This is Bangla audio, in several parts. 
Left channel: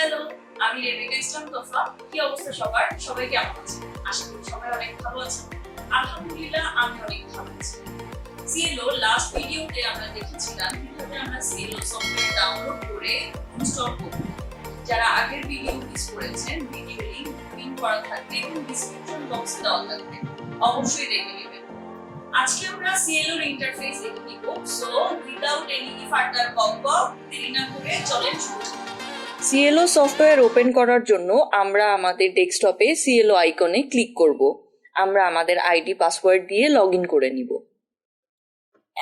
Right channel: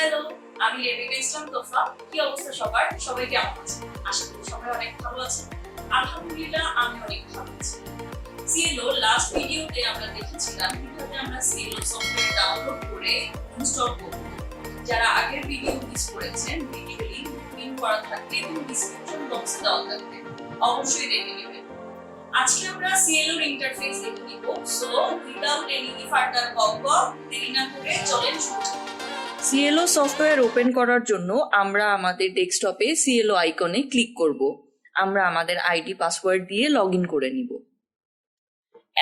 হ্যালো, আমি রেবেকা ইসলাম তোহফা। কি অবস্থা সবার? সবাই কেমন আছেন? আশা করি সবাই অনেক ভালো আছেন। আলহামদুলিল্লাহ, আমি অনেক ভালো আছি। CLO লাস্ট ভিডিওতে আমরা দেখেছিলাম কিভাবে আমরা CLO সফটওয়্যার ডাউনলোড করে ইনস্টল করব। যারা আগের ভিডিও মিস করেছেন, ভিডিও লিংক পিন করা থাকবে এবং ডেসক্রিপশন বক্সে দেওয়া থাকবে, অবশ্যই দেখে নেবেন। আজকে আমরা CLO ইন্টারফেস দেখে নিব। সো উইদাউট এনি ফার্দার বকবক, দেরি না করে চলেন শুরু করি। CLO সফটওয়্যার ওপেন করার জন্য আমরা আমাদের ডেস্কটপে CLO আইকনে ক্লিক করব। আমরা আমাদের আইডি পাসওয়ার্ড দিয়ে লগইন করে নিব।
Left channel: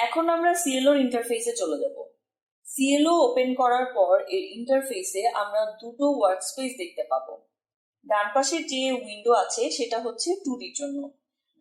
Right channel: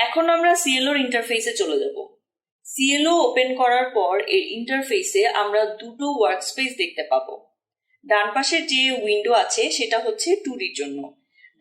এখন আমরা CLO ইন্টারফেসে চলে যাব। CLO ওপেন করার পর এর ইন্টারফেসে আমরা দুটো ওয়ার্কস্পেস দেখতে পাবো। ডান পাশের যে উইন্ডো আছে সেটা হচ্ছে 2Dর জন্য।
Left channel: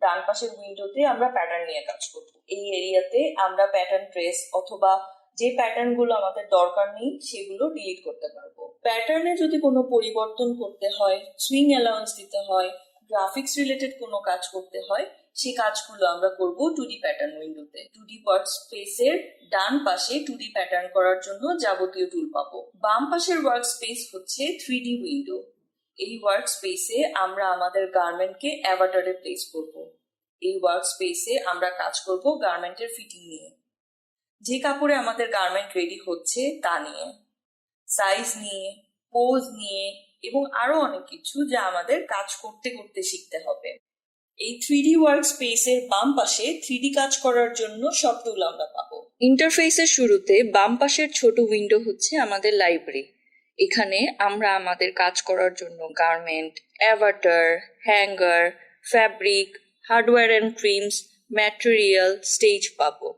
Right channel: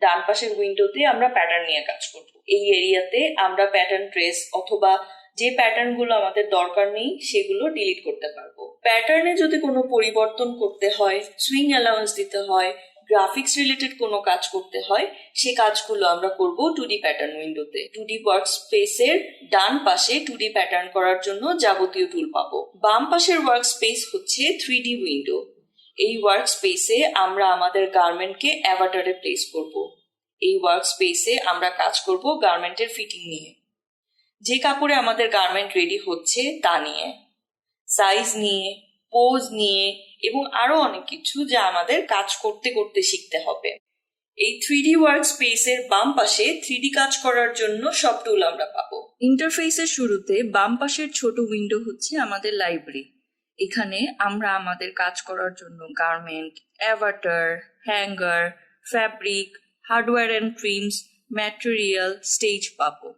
ডান পাশের উইন্ডোতে আমরা প্যাটার্ন নিয়ে কাজ করব। এই এরিয়াতে আমরা প্যাটার্ন ট্রেস অথবা যে প্যাটার্নগুলো আমাদের দরকার নেই সেগুলো ডিলিট করতে পারবো। প্যাটার্নে যদি কোনো পরিবর্তন করতে হয়, সুইং অ্যালাউন্স দিতে হয়, গ্রাফিক্স রিলেটেড কোনো কাজ করতে হয়, সে কাজগুলো আমরা করব 2D প্যাটার্ন উইন্ডোতে। 2D ওয়ার্কস্পেসের ডান পাশে 2D প্যাটার্ন করার জন্য যাবতীয় টুল পাবো। বাম পাশের ওয়ার্কস্পেস হচ্ছে 3D উইন্ডো। এই ওয়ার্কস্পেসে আমরা আমাদের গার্মেন্টকে অ্যাভাটারে প্লেস করব। এই ওয়ার্কস্পেসে আমরা কাজ করব গার্মেন্টের ফিটিং নিয়ে। যে কাপড়ে আমাদের গার্মেন্ট রেডি হচ্ছে তা নিয়ে, সাইজ নিয়ে, পোজ নিয়ে এবং আরো অনেক কিছু যা আমাদের কাজ করতে করতে শিখতে হবে। এই 3D ওয়ার্কস্পেসের বাম পাশে 3D কাজ করার জন্য সব টুল আমরা পাবো। ইন্টারফেসের শুরুতে বাম পাশের ছোট উইন্ডো হচ্ছে আমাদের লাইব্রেরি। এখানে আমরা আমাদের কাজ করার জন্য garment, Avatar, hanger, fabric, hardware and trims, material, stage পাবো।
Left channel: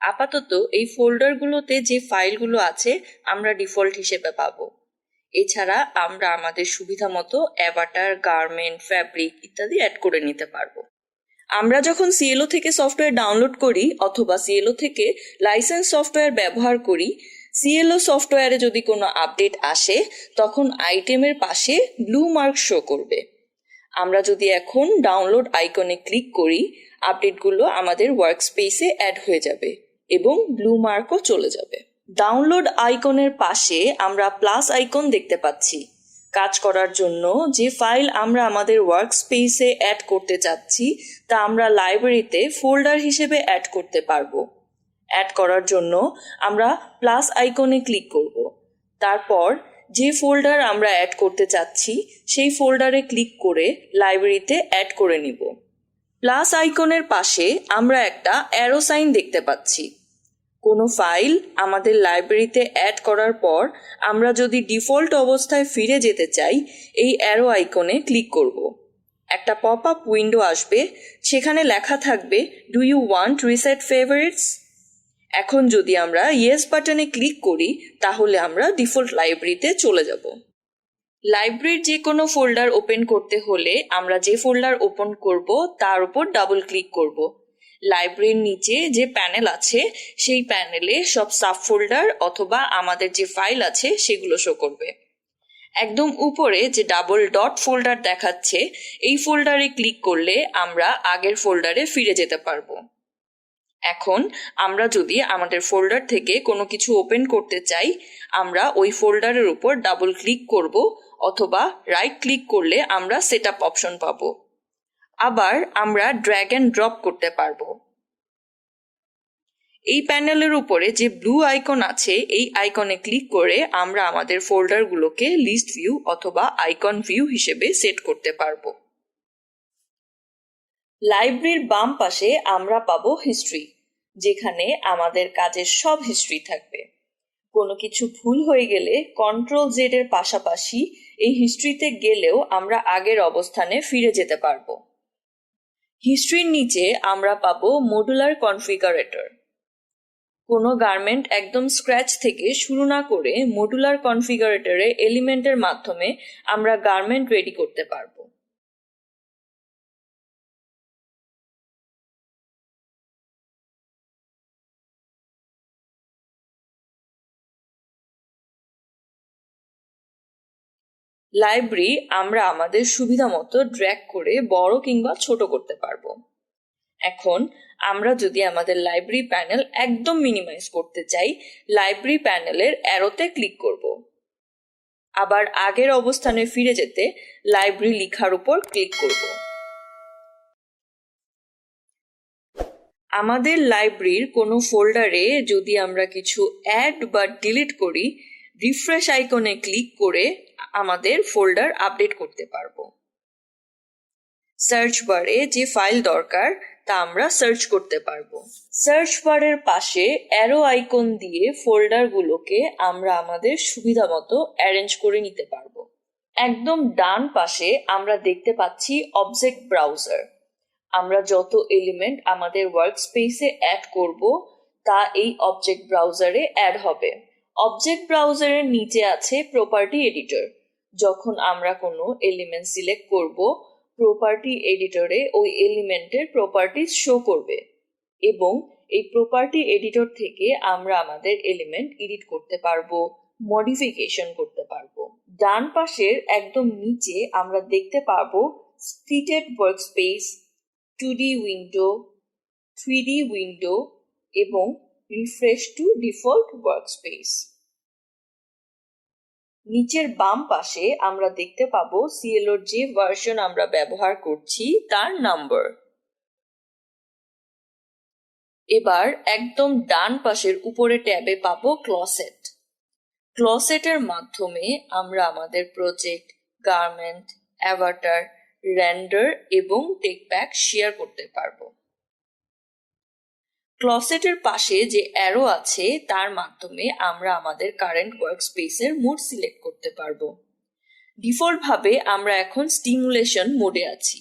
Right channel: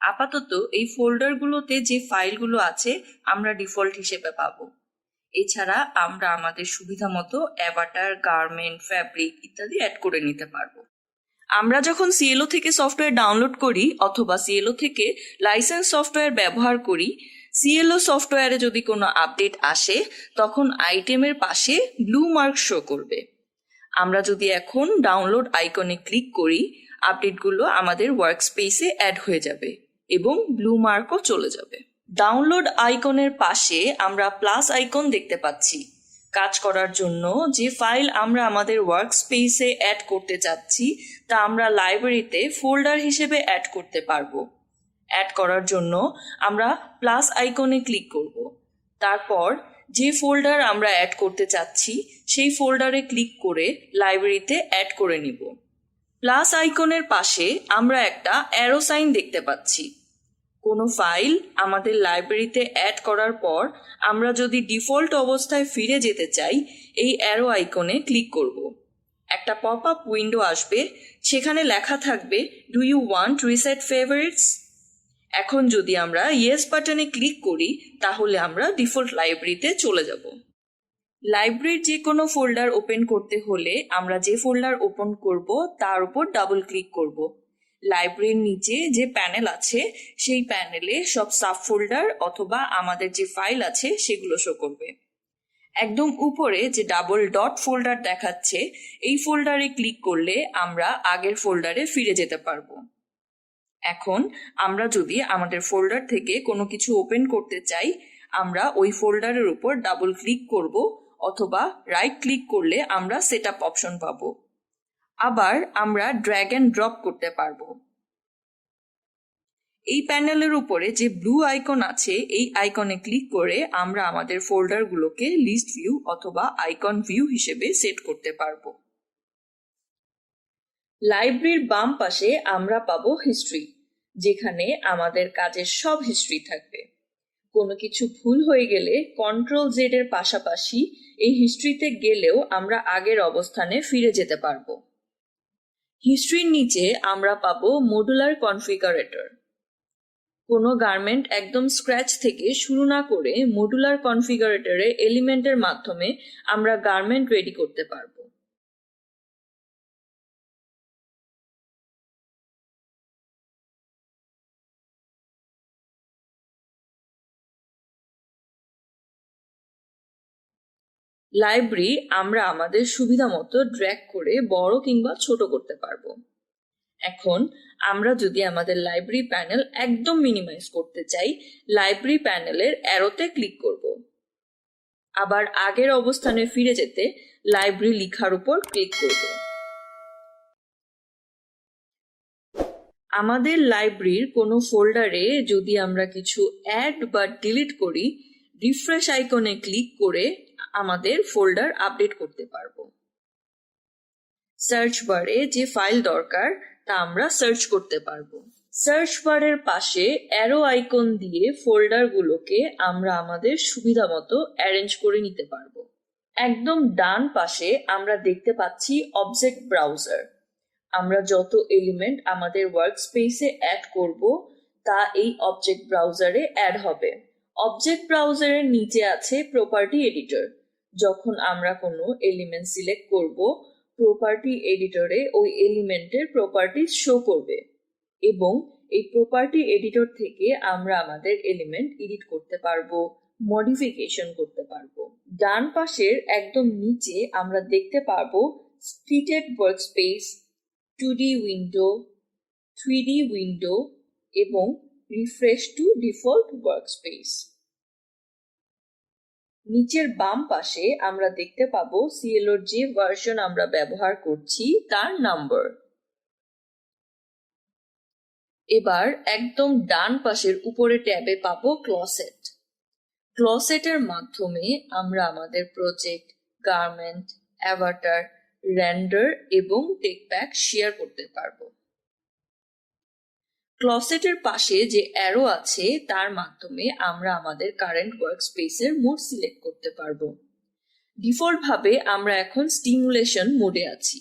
আপাতত এই ফোল্ডারগুলোতে যে ফাইলগুলো আছে আমরা ডিফল্ট হিসেবে পাবো। এছাড়া আমরা আমাদের সুবিধা মতো অ্যাভাটার, গার্মেন্ট, ফ্যাব্রিক ইত্যাদি অ্যাড করে নিতে পারবো। আমরা যখন CLO থেকে সফটওয়্যার ডাউনলোড করি অথবা CLO থেকে লাইসেন্স সফটওয়্যার ব্যবহার করি, CLO সফটওয়্যারে যদি কোনো আপডেট আসে তখন আইটেমের পাশে ব্লু মার্ক শো করবে। আমরা যদি এখন ডাউনলোড আইকনে ক্লিক করি, আপডেটগুলো আমাদের ওয়ার্কস্পেসে অ্যাড হয়ে যাবে এবং ব্লু মার্কও চলে যাবে। ডাউনলোড আইকনের পাশে আমরা প্লাস আইকন দেখতে পাচ্ছি। কাজ করার জন্য যে ফাইল আমরা আমাদের ওয়ার্কস্পেসে অ্যাড করতে চাচ্ছি তা আমরা লাইব্রেরিতে ফোল্ডার হিসেবে অ্যাড করতে পারবো। অ্যাড করার জন্য আমরা প্লাস আইকনে ক্লিক করব। তারপর যে ফোল্ডার আমরা অ্যাড করতে চাচ্ছি সেই ফোল্ডারে ক্লিক করে লাইব্রেরিতে অ্যাড করে নিব। প্লাস আইকনের পাশে আমরা একটা অ্যারো সাইন দেখতে পাচ্ছি। কোনো ফাইল আমাদের লাইব্রেরিতে অ্যাড করার পর আমরা যদি ডিফল্ট অবস্থায় ফিরে যেতে চাই, এই অ্যারো আইকনে ক্লিক করব। একটা পপ আপ উইন্ডো আসবে, সেখানে লেখা থাকবে do you want reset favourites. এখন যদি আমরা ইয়েস বাটনে ক্লিক করি তাহলে আমরা ডিফল্ট লাইব্রেরিতে চলে যাব। লাইব্রেরির যে কোনো ফোল্ডার ওপেন করতে হলে আমরা যে ফোল্ডার ওপেন করব তার উপর ডাবল ক্লিক করব। লাইব্রেরির নিচে যে প্যানেল আছে সেই প্যানেলে সব সাব ফোল্ডার অথবা আমাদের যে ফাইল আছে সেগুলো শো করবে। একদম উপরে যে ডাবল ডট ফোল্ডার দেখাচ্ছে এই ফোল্ডারে ক্লিক করলে আমরা আগের ফোল্ডারে ফিরে যেতে পারবো। এখন আমরা যদি আমাদের ফোল্ডার থেকে কোনো কিছু ওপেন করতে চাই, আমরা ওই ফোল্ডারের উপর ডাবল ক্লিক করব অথবা রাইট ক্লিক করলে আমরা সেটআপ অপশন পাবো। আবার আমরা ড্র্যাগ অ্যান্ড ড্রপ করতে পারবো। এই প্যানেলের উপরে যে ব্লু আইকন আছে এই আইকনে ক্লিক করে আমরা আমাদের ফোল্ডারগুলোকে লিস্ট ভিউ অথবা আইকন ভিউ হিসেবে সেট করতে পারবো। লাইব্রেরির বাম পাশে আমরা পাবো হিস্ট্রি, যেখানে আমাদের কাজের সব হিস্ট্রি থাকবে। কোনো কিছু ভুল হয়ে গেলে Ctrl+Z এর পাশাপাশি এই হিস্ট্রিতে গেলেও আমরা আগের অবস্থানে ফিরে যেতে পারবো। হিস্ট্রির নিচে আমরা পাবো মডুলার কনফিগারেটর। কোনো গার্মেন্ট একদম স্ক্র্যাচ থেকে শুরু না করে মডুলার কনফিগারেটরে এলিমেন্টের মাধ্যমে আমরা গার্মেন্ট রেডি করতে পারবো। লাইব্রেরি আমরা আমাদের সুবিধা মতো ড্র্যাগ করে বড় কিংবা ছোট করতে পারবো। এখন আমরা যদি আমাদের লাইব্রেরি প্যানেল একদম মিনিমাইজ করতে চাই, লাইব্রেরি প্যানেলের অ্যারোতে ক্লিক করব। আবার আগের অবস্থানে ফিরে যেতে লাইব্রেরি লেখার উপর ক্লিক করব। আমাদের লাইব্রেরির কোনো ফোল্ডারে যদি আমরা কিছু অ্যাড বা ডিলিট করি, রিফ্রেশ আইকনে ক্লিক করে আমাদের ফোল্ডার আপডেট করতে পারবো। সার্চ বারে যে ফাইল দরকার তা আমরা সার্চ করতে পারবো। সার্চ বারের পাশে অ্যারো আইকন দিয়ে ফোল্ডারগুলোকে আমরা আমাদের সুবিধা মতো অ্যারেঞ্জ করে নিতে পারবো। একদম ডান পাশে আমরা দেখতে পাচ্ছি অবজেক্ট ব্রাউজার। আমরা যত এলিমেন্ট আমাদের ওয়ার্কস্পেসে অ্যাড করব তা এই অবজেক্ট ব্রাউজারে অ্যাড হবে। অবজেক্ট ব্রাউজারের নিচে আছে প্রপার্টি এডিটর। যখন আমরা কোনো এলিমেন্ট সিলেক্ট করব, প্রপার্টি এডিটরে ওই এলিমেন্টের প্রপার্টিজ শো করবে এবং এই প্রপার্টি এডিটর থেকে আমরা আমাদের এলিমেন্ট এডিট করতে পারবো, মডিফিকেশন করতে পারবো। ডান পাশের একদম নিচে আমরা দেখতে পারবো splitted workspace, 2D window, 3D window এবং রিফ্রেশ টু ডিফল্ট ওয়ার্কস্পেস। নিচের বাম পাশে আমরা দেখতে পাবো সিএলওর যে ভার্সন আমরা ব্যবহার করছি তার নাম্বার। এবার একদম ডান পাশের উপরে ট্যাবে পাবো ক্লসেট। ক্লসেটের মাধ্যমে আমরা আমাদের প্রজেক্ট, গার্মেন্ট, অ্যাভাটার, রেন্ডার এবং টেকপ্যাক শেয়ার করতে পারবো। ক্লসেটের পাশে যে অ্যারো আছে তার মাধ্যমে আমরা আমাদের কারেন্ট ওয়ার্কস্পেসের মোড সিলেক্ট করতে পারবো। ডিফল্ট ভাবে আমরা এখন স্টিমুলেশন মোডে আছি।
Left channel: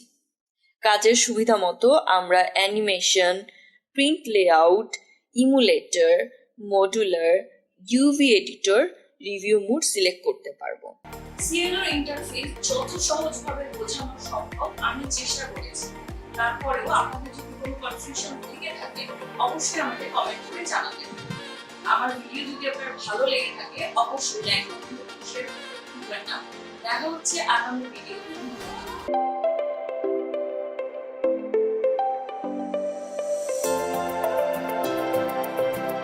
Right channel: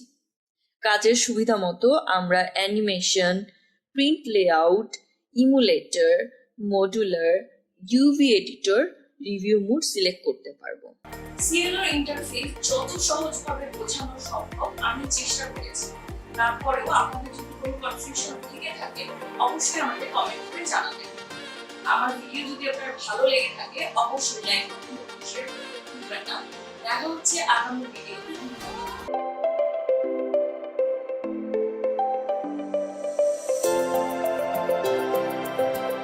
কাজের সুবিধা মতো আমরা animation, print layout, emulator, modular, UV editor, review mode select করতে পারবো। CLO ইন্টারফেস যত সহজভাবে বোঝানো সম্ভব আমি চেষ্টা করেছি। তারপরেও আপনাদের যদি কোনো কনফিউশন থেকে থাকে অবশ্যই আমাকে কমেন্ট করে জানাবেন। আমার ভিডিও যদি আপনার ভালো লেগে থাকে অবশ্যই লাইক করুন, শেয়ার করুন। দেখা হচ্ছে আগামী ভিডিওতে।